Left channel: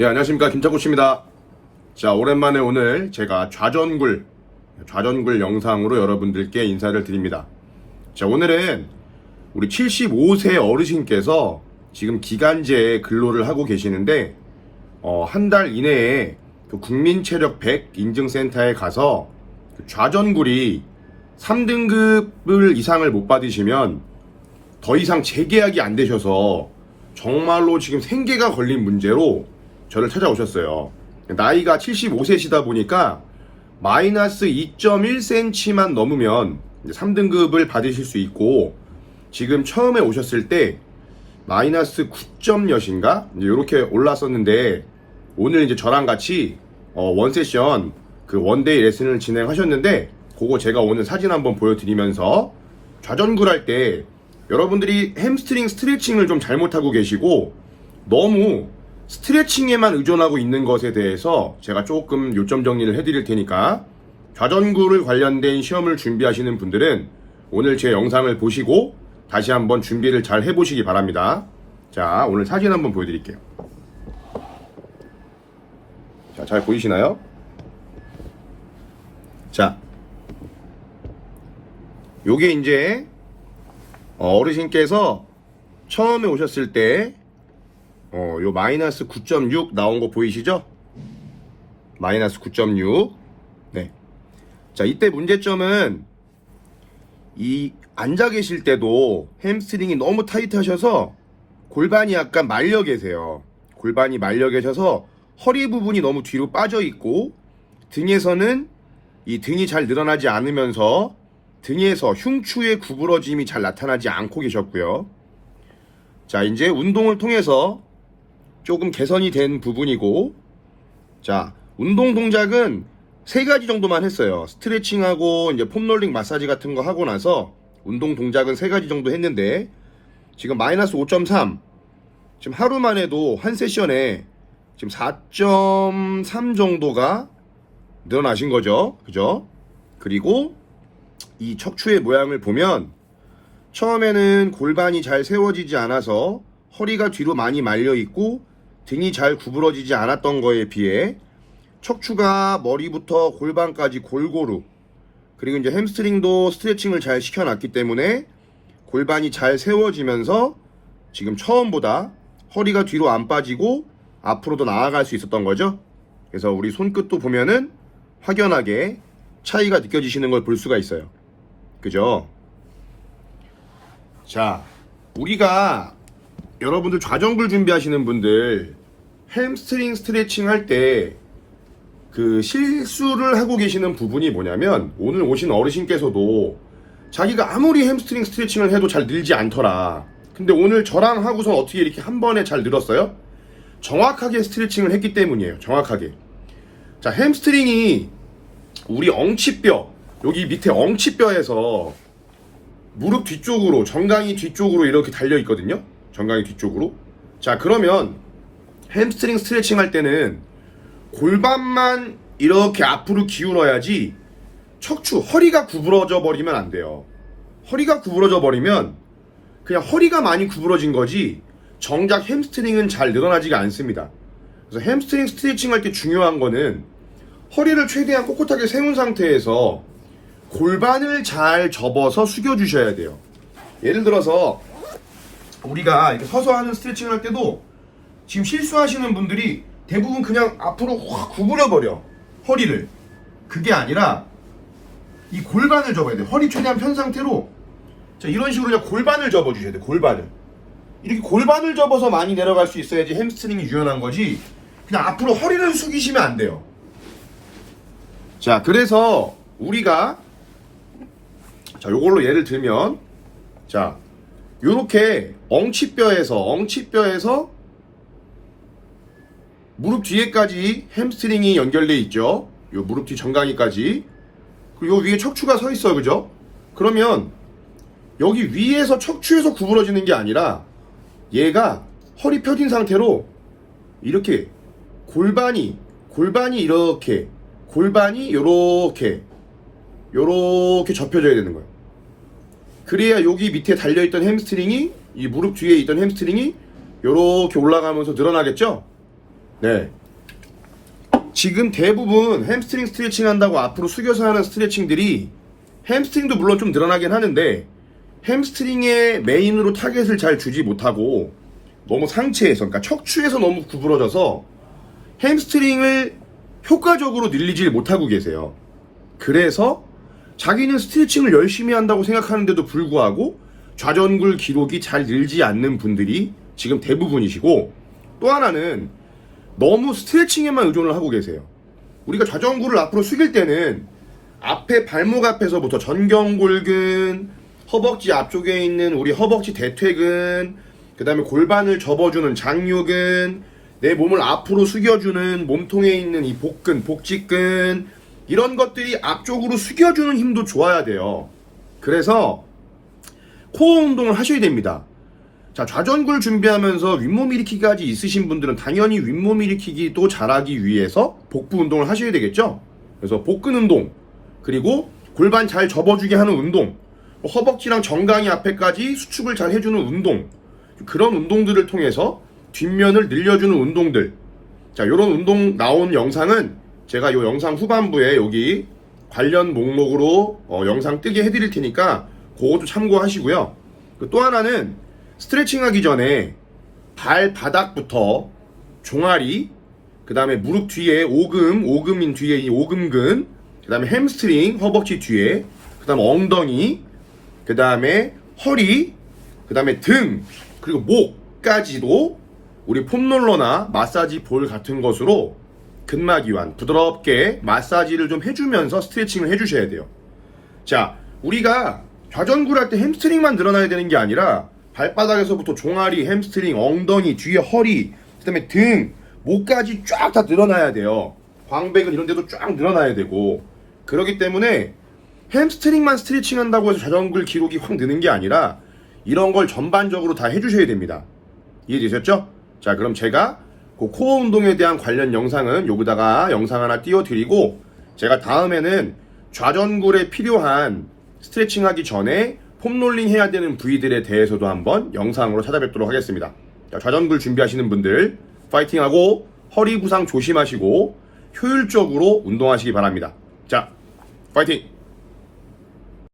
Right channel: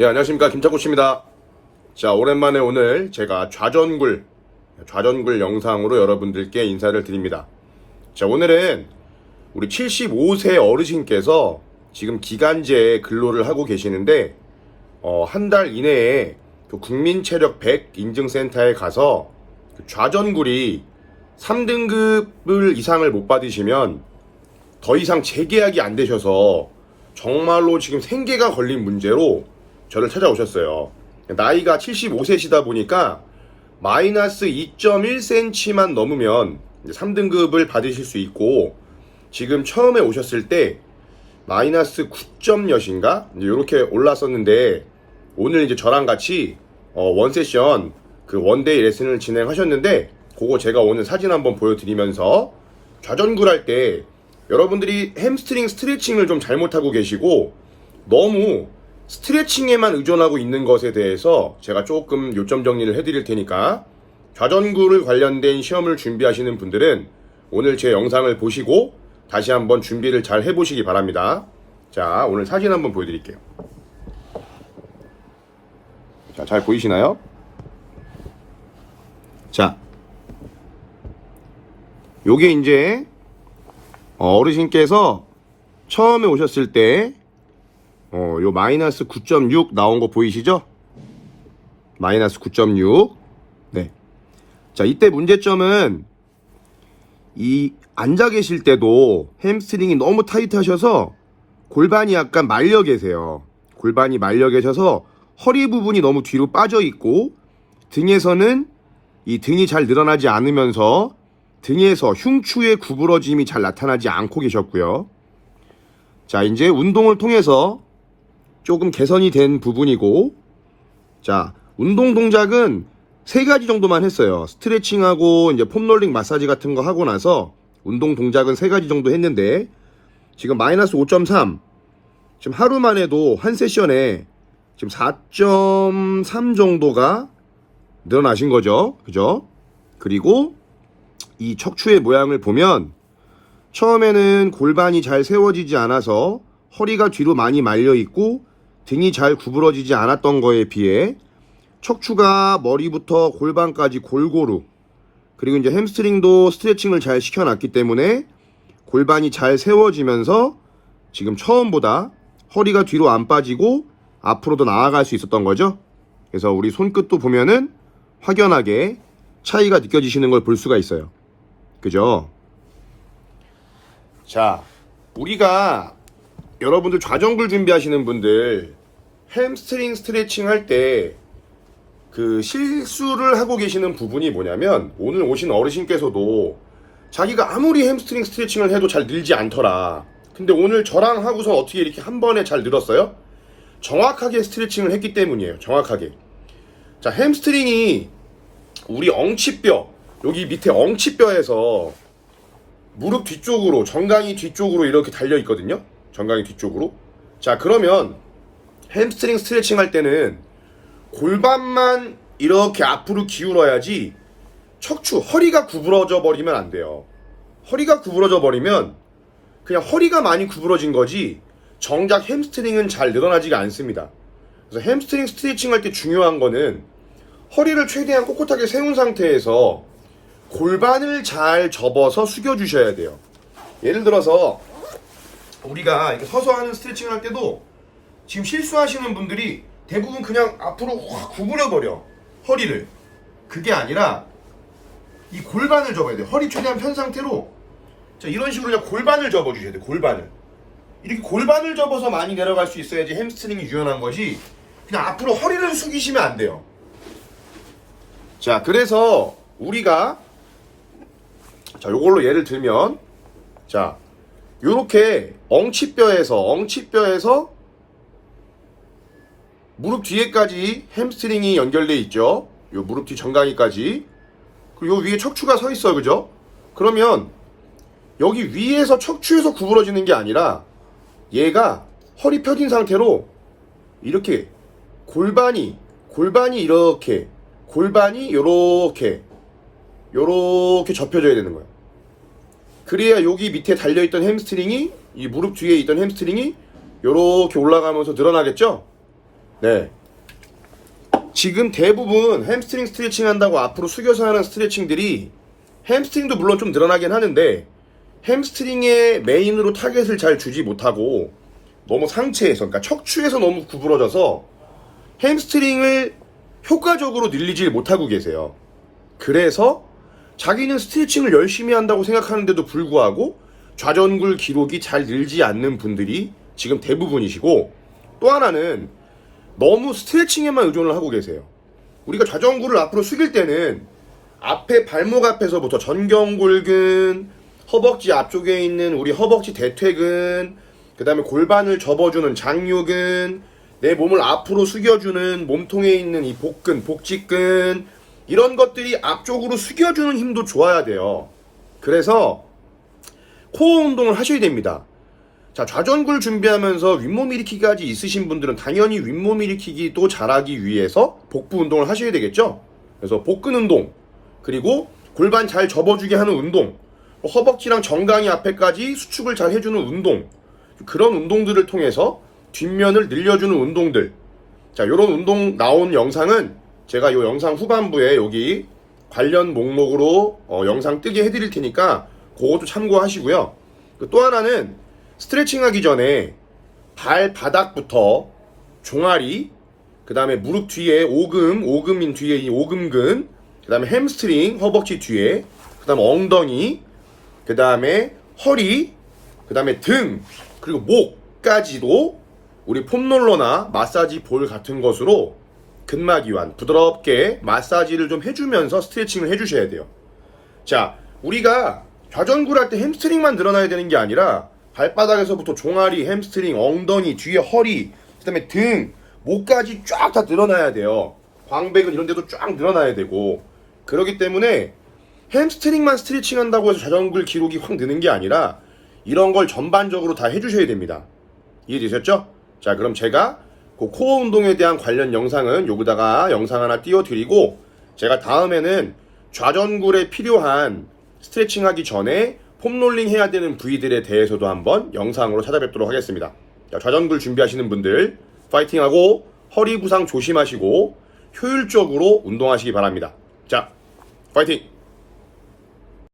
예, 안녕하십니까. 김창구 씨입니다. 자, 오랜만에 오늘 제가 좌전굴, 좌전굴 영상으로 여러분들께 인사를 드립니다. 자, 오늘은 우리 75세 어르신께서 지금 기간제 근로를 하고 계시는데, 어, 한 달 이내에 그 국민체력 100 인증센터에 가서 그 좌전굴이 3등급을 이상을 못 받으시면 더 이상 재계약이 안 되셔서 정말로 지금 생계가 걸린 문제로 저를 찾아오셨어요. 나이가 75세시다 보니까 마이너스 2.1cm만 넘으면 3등급을 받으실 수 있고 지금 처음에 오셨을 때 마이너스 9.몇인가 이렇게 올랐었는데 오늘 이제 저랑 같이 어, 원세션 그 원데이 레슨을 진행하셨는데 그거 제가 오늘 사진 한번 보여드리면서 좌전굴 할 때 여러분들이 햄스트링 스트레칭을 좀 잘못하고 계시고 너무 스트레칭에만 의존하고 있는 것에 대해서 제가 조금 요점 정리를 해드릴 테니까 좌전굴을 관련된 시험을 준비하시는 분들은 오늘 제 영상을 보시고 다시 한번 준비를 잘 해보시기 바랍니다. 자, 오늘 사진 한번 보여드릴게요. 자, 잘 보이시나요? 자, 요게 이제 어르신께서 처음에 오셨을 때 어, 요 마이너스 9.6 나온 거 보이시죠? 마이너스 9.6. 네. 자, 이때 문제점은 이 앉아 계실 때도 햄스트링이 너무 타이트하셔서 골반이 약간 말려 계세요. 골반이 말려 계셔서 허리 부분이 너무 뒤로 빠져 있고 등에서는 이 등이 잘 늘어나지 않으면서 등에서 흉추의 구부러짐이 잘 나타나지 않고 계셨고요. 자, 이제 운동을 통해서 조금 개선이 된 부분이고, 자, 운동 동작은 세 가지 정도만 했어요. 스트레칭하고 이제 폼롤링 마사지 같은 거 하고 나서 운동 동작은 세 가지 정도 했는데, 지금 마이너스 5.3, 지금 하루만 해도 한 세션에 지금 4.3 정도가 늘어나신 거죠. 그죠? 그리고 이 척추의 모양을 보면 처음에는 골반이 잘 세워지지 않아서 허리가 뒤로 많이 말려 있고 등이 잘 구부러지지 않았던 거에 비해 척추가 머리부터 골반까지 골고루 그리고 이제 햄스트링도 스트레칭을 잘 시켜놨기 때문에 골반이 잘 세워지면서 지금 처음보다 허리가 뒤로 안 빠지고 앞으로도 나아갈 수 있었던 거죠. 그래서 우리 손끝도 보면은 확연하게 차이가 느껴지시는 걸 볼 수가 있어요. 그죠? 자, 우리가 여러분들 좌전굴 준비하시는 분들 햄스트링 스트레칭 할 때 그 실수를 하고 계시는 부분이 뭐냐면 오늘 오신 어르신께서도 자기가 아무리 햄스트링 스트레칭을 해도 잘 늘지 않더라. 근데 오늘 저랑 하고선 어떻게 이렇게 한 번에 잘 늘었어요? 정확하게 스트레칭을 했기 때문이에요. 정확하게. 자, 햄스트링이 우리 엉치뼈, 여기 밑에 엉치뼈에서 무릎 뒤쪽으로, 정강이 뒤쪽으로 이렇게 달려 있거든요. 정강이 뒤쪽으로. 자, 그러면 햄스트링 스트레칭 할 때는 골반만 이렇게 앞으로 기울어야지 척추, 허리가 구부러져 버리면 안 돼요. 허리가 구부러져 버리면 그냥 허리가 많이 구부러진 거지 정작 햄스트링은 잘 늘어나지가 않습니다. 그래서 햄스트링 스트레칭 할 때 중요한 거는 허리를 최대한 꼿꼿하게 세운 상태에서 골반을 잘 접어서 숙여 주셔야 돼요. 예를 들어서 우리가 이렇게 서서 하는 스트레칭을 할 때도 지금 실수하시는 분들이 대부분 그냥 앞으로 확 구부려 버려 허리를 그게 아니라 이 골반을 접어야 돼. 허리 최대한 편 상태로 자 이런 식으로 그냥 골반을 접어 주셔야 돼. 골반을 이렇게 골반을 접어서 많이 내려갈 수 있어야지 햄스트링이 유연한 거지. 그냥 앞으로 허리를 숙이시면 안 돼요. 자, 그래서 우리가 자, 요걸로 예를 들면 자, 요렇게 엉치뼈에서 엉치뼈에서 무릎 뒤에까지 햄스트링이 연결돼 있죠. 요 무릎 뒤 정강이까지. 그리고 요 위에 척추가 서 있어요. 그죠? 그러면 여기 위에서 척추에서 구부러지는 게 아니라 얘가 허리 펴진 상태로 이렇게 골반이 골반이 이렇게 골반이 요렇게 요렇게 접혀져야 되는 거예요. 그래야 여기 밑에 달려있던 햄스트링이 이 무릎 뒤에 있던 햄스트링이 요렇게 올라가면서 늘어나겠죠? 네. 지금 대부분 햄스트링 스트레칭 한다고 앞으로 숙여서 하는 스트레칭들이 햄스트링도 물론 좀 늘어나긴 하는데 햄스트링의 메인으로 타겟을 잘 주지 못하고 너무 상체에서 그러니까 척추에서 너무 구부러져서 햄스트링을 효과적으로 늘리질 못하고 계세요. 그래서 자기는 스트레칭을 열심히 한다고 생각하는데도 불구하고 좌전굴 기록이 잘 늘지 않는 분들이 지금 대부분이시고 또 하나는 너무 스트레칭에만 의존을 하고 계세요. 우리가 좌전굴을 앞으로 숙일 때는 앞에 발목 앞에서부터 전경골근, 허벅지 앞쪽에 있는 우리 허벅지 대퇴근, 그 다음에 골반을 접어주는 장유근, 내 몸을 앞으로 숙여주는 몸통에 있는 이 복근, 복직근, 이런 것들이 앞쪽으로 숙여주는 힘도 좋아야 돼요. 그래서 코어 운동을 하셔야 됩니다. 자, 좌전굴 준비하면서 윗몸 일으키기까지 있으신 분들은 당연히 윗몸 일으키기도 잘하기 위해서 복부 운동을 하셔야 되겠죠? 그래서 복근 운동, 그리고 골반 잘 접어주게 하는 운동, 뭐 허벅지랑 정강이 앞에까지 수축을 잘 해주는 운동, 그런 운동들을 통해서 뒷면을 늘려주는 운동들. 자, 요런 운동 나온 영상은 제가 요 영상 후반부에 여기 관련 목록으로 어, 영상 뜨게 해드릴 테니까 그것도 참고하시고요. 그또 하나는 스트레칭 하기 전에 발바닥부터 종아리, 그 다음에 무릎 뒤에 오금, 오금인 뒤에 이 오금근, 그 다음에 햄스트링, 허벅지 뒤에, 그 다음에 엉덩이, 그 다음에 허리, 그 다음에 등, 그리고 목까지도 우리 폼롤러나 마사지 볼 같은 것으로 근막 이완, 부드럽게 마사지를 좀 해주면서 스트레칭을 해주셔야 돼요. 자, 우리가 좌전굴 할 때 햄스트링만 늘어나야 되는 게 아니라 발바닥에서부터 종아리, 햄스트링, 엉덩이, 뒤에 허리, 그 다음에 등, 목까지 쫙 다 늘어나야 돼요. 광배근 이런 데도 쫙 늘어나야 되고 그렇기 때문에 햄스트링만 스트레칭 한다고 해서 좌전굴 기록이 확 느는 게 아니라 이런 걸 전반적으로 다 해주셔야 됩니다. 이해되셨죠? 자, 그럼 제가 그 코어 운동에 대한 관련 영상은 여기다가 영상 하나 띄워드리고 제가 다음에는 좌전굴에 필요한 스트레칭 하기 전에 폼롤링 해야 되는 부위들에 대해서도 한번 영상으로 찾아뵙도록 하겠습니다. 자, 좌전굴 준비하시는 분들 파이팅하고 허리 부상 조심하시고 효율적으로 운동하시기 바랍니다. 자, 파이팅!